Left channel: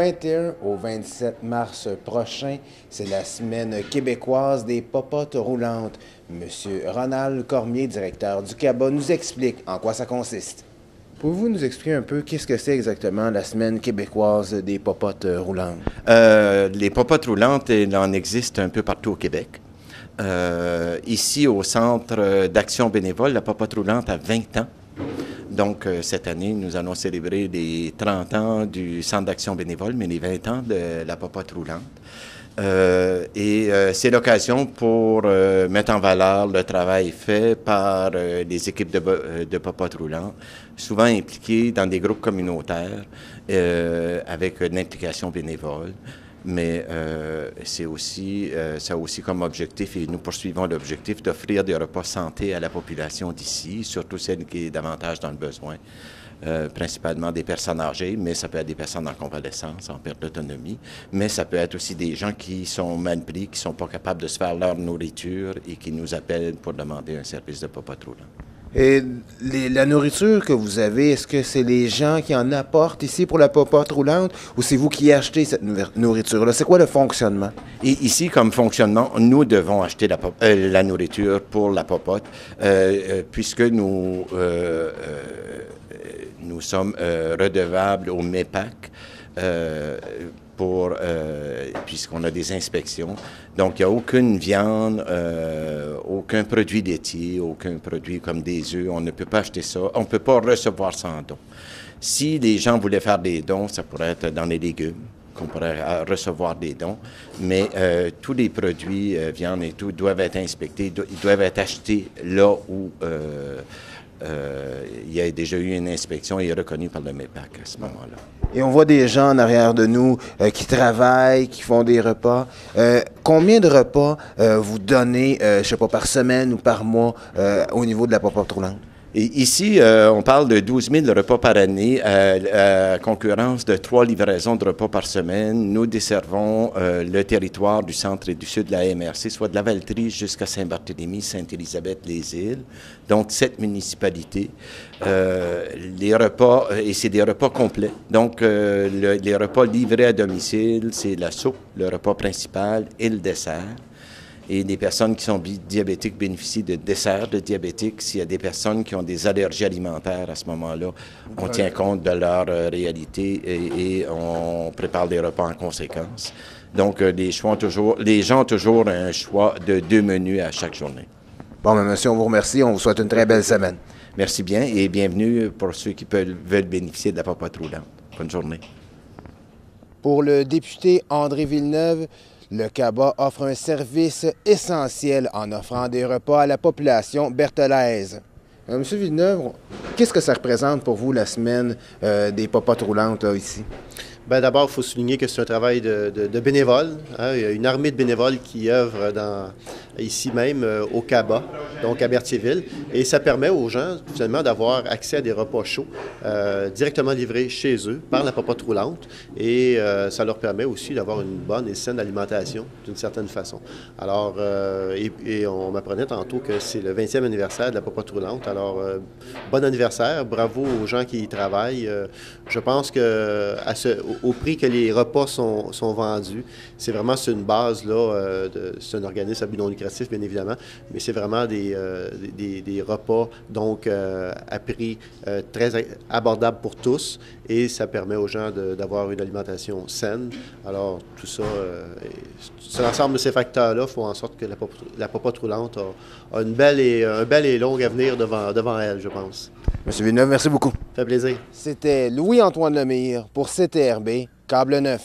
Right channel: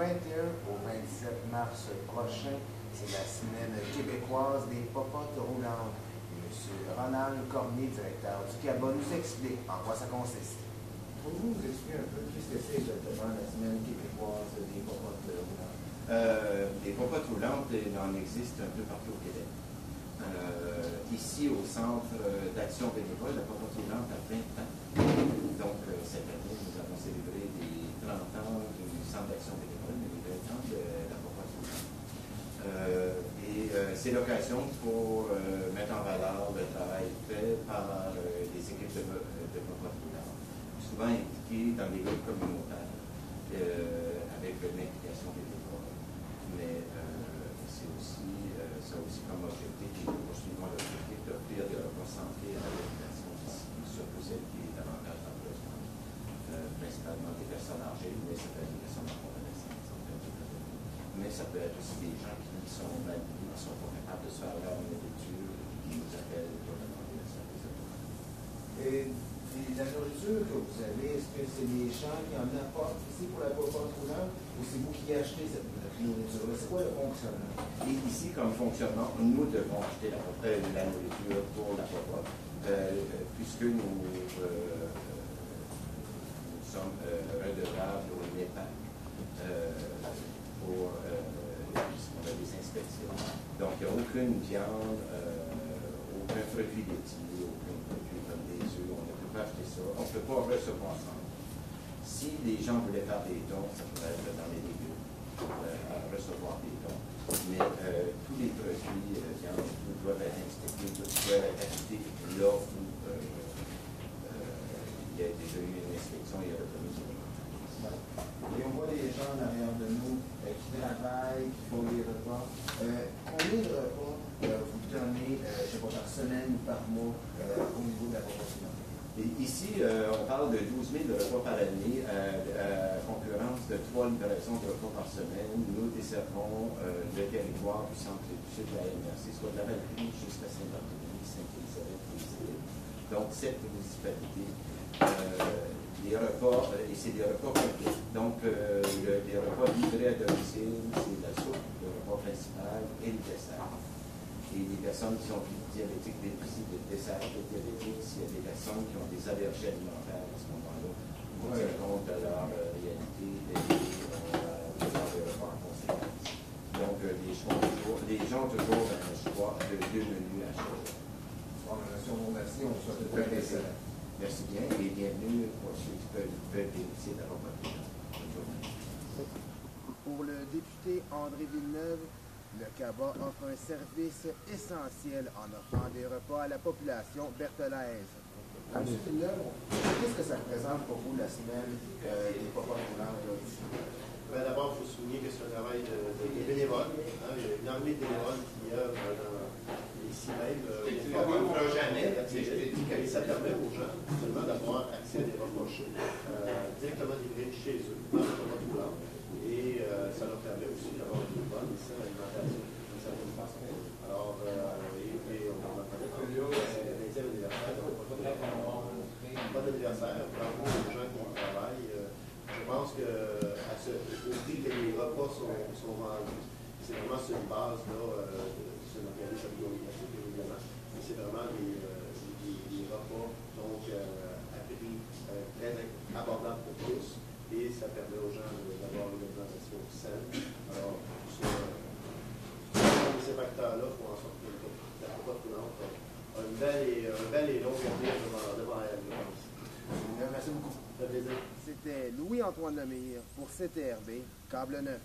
21 au 27 mars prochain, c'est la semaine québécoise des popotes roulantes. Monsieur Ronald Cormier, directeur du CABA, nous explique en quoi ça consiste. Pouvez-vous nous expliquer un peu qu'est-ce que c'est exactement la semaine québécoise des popotes roulantes? Les popotes roulantes, il en existe un peu partout au Québec. Ici, au Centre d'action bénévole, la popote roulante a 20 ans. Donc, cette année, nous allons célébrer les 30 ans du Centre d'action bénévole, mais les 20 ans de la popote roulante. C'est l'occasion pour mettre en valeur le travail fait par les équipes de popotes roulantes, souvent impliquées dans des groupes communautaires avec une implication bénévole. Mais ça a aussi comme objectif, et nous poursuivons l'objectif, d'offrir des repas santé à la population d'ici, surtout celle qui est davantage dans le besoin, principalement des personnes âgées, mais ça peut être des personnes en convalescence, en perte d'autonomie, mais ça peut être aussi des gens qui sont mal pris, qui ne sont pas capables de se faire leur nourriture et qui nous appellent pour demander un service de popote roulant. Et la nourriture que vous avez, est-ce que c'est les gens qui en apportent ici pour la popote roulante ou c'est vous qui achetez cette nourriture-là? C'est quoi le fonctionnement? Et ici, comme fonctionnement, nous devons acheter la nourriture pour la popote puisque nous sommes redevables au MEPAC puisqu'on a des inspections. Donc, il n'y a aucune viande, aucun produit laitier, aucun produit comme des œufs. On ne peut pas acheter ça. On ne peut pas recevoir sans don. Si les gens voulaient faire des dons, ça pourrait être dans les légumes, qu'on pourrait recevoir des dons. Mais tous les produits, viande et tout, doivent être inspectés. Ils doivent être achetés là où il y a déjà eu une inspection et est reconnu par le MEPAC à ce moment-là. Et on voit des gens en arrière de nous qui travaillent, qui font des repas. Combien de repas vous donnez, je ne sais pas, par semaine ou par mois au niveau de la popote roulante? Et ici, on parle de 12 000 repas par année, à concurrence de 3 livraisons de repas par semaine. Nous desservons le territoire du centre et du sud de la MRC, soit de la Valtrie jusqu'à Saint-Barthélemy, Sainte-Élisabeth-les-Îles, donc 7 municipalités. Les repas, et c'est des repas complets. Donc, les repas livrés à domicile, c'est la soupe, le repas principal et le dessert. Et les personnes qui sont diabétiques bénéficient de desserts de diabétiques. S'il y a des personnes qui ont des allergies alimentaires, à ce moment-là, on tient compte de leur réalité et on prépare des repas en conséquence. Donc, les gens ont toujours un choix de 2 menus à chaque journée. Bon, bien, monsieur, on vous remercie. On vous souhaite une très belle semaine. Merci bien et bienvenue pour ceux qui veulent bénéficier de la popote roulante. Bonne journée. Pour le député André Villeneuve, le CABA offre un service essentiel en offrant des repas à la population berthelaise. Monsieur Villeneuve, qu'est-ce que ça représente pour vous la semaine des popotes roulantes là, ici? Bien, d'abord, il faut souligner que c'est un travail de bénévoles. Hein. Il y a une armée de bénévoles qui œuvrent ici même au CABA, donc à Berthierville. Et ça permet aux gens, finalement, d'avoir accès à des repas chauds directement livrés chez eux par la popote roulante. Et ça leur permet aussi d'avoir une bonne et saine alimentation, d'une certaine façon. Alors, on m'apprenait tantôt que c'est le 20e anniversaire de la popote roulante. Alors, bon anniversaire, bravo aux gens qui y travaillent. Je pense que au prix que les repas sont vendus, c'est vraiment sur une base, là, c'est un organisme à but non lucratif, bien évidemment, mais c'est vraiment des repas, donc, à prix très abordable pour tous, et ça permet aux gens d'avoir une alimentation saine. Alors, tout ça, l'ensemble de ces facteurs-là font en sorte que la popote roulante a un bel et long avenir devant elle, je pense. Monsieur Villeneuve, merci beaucoup. Ça fait plaisir. C'était Louis-Antoine Lemire pour CTRB, Câble 9.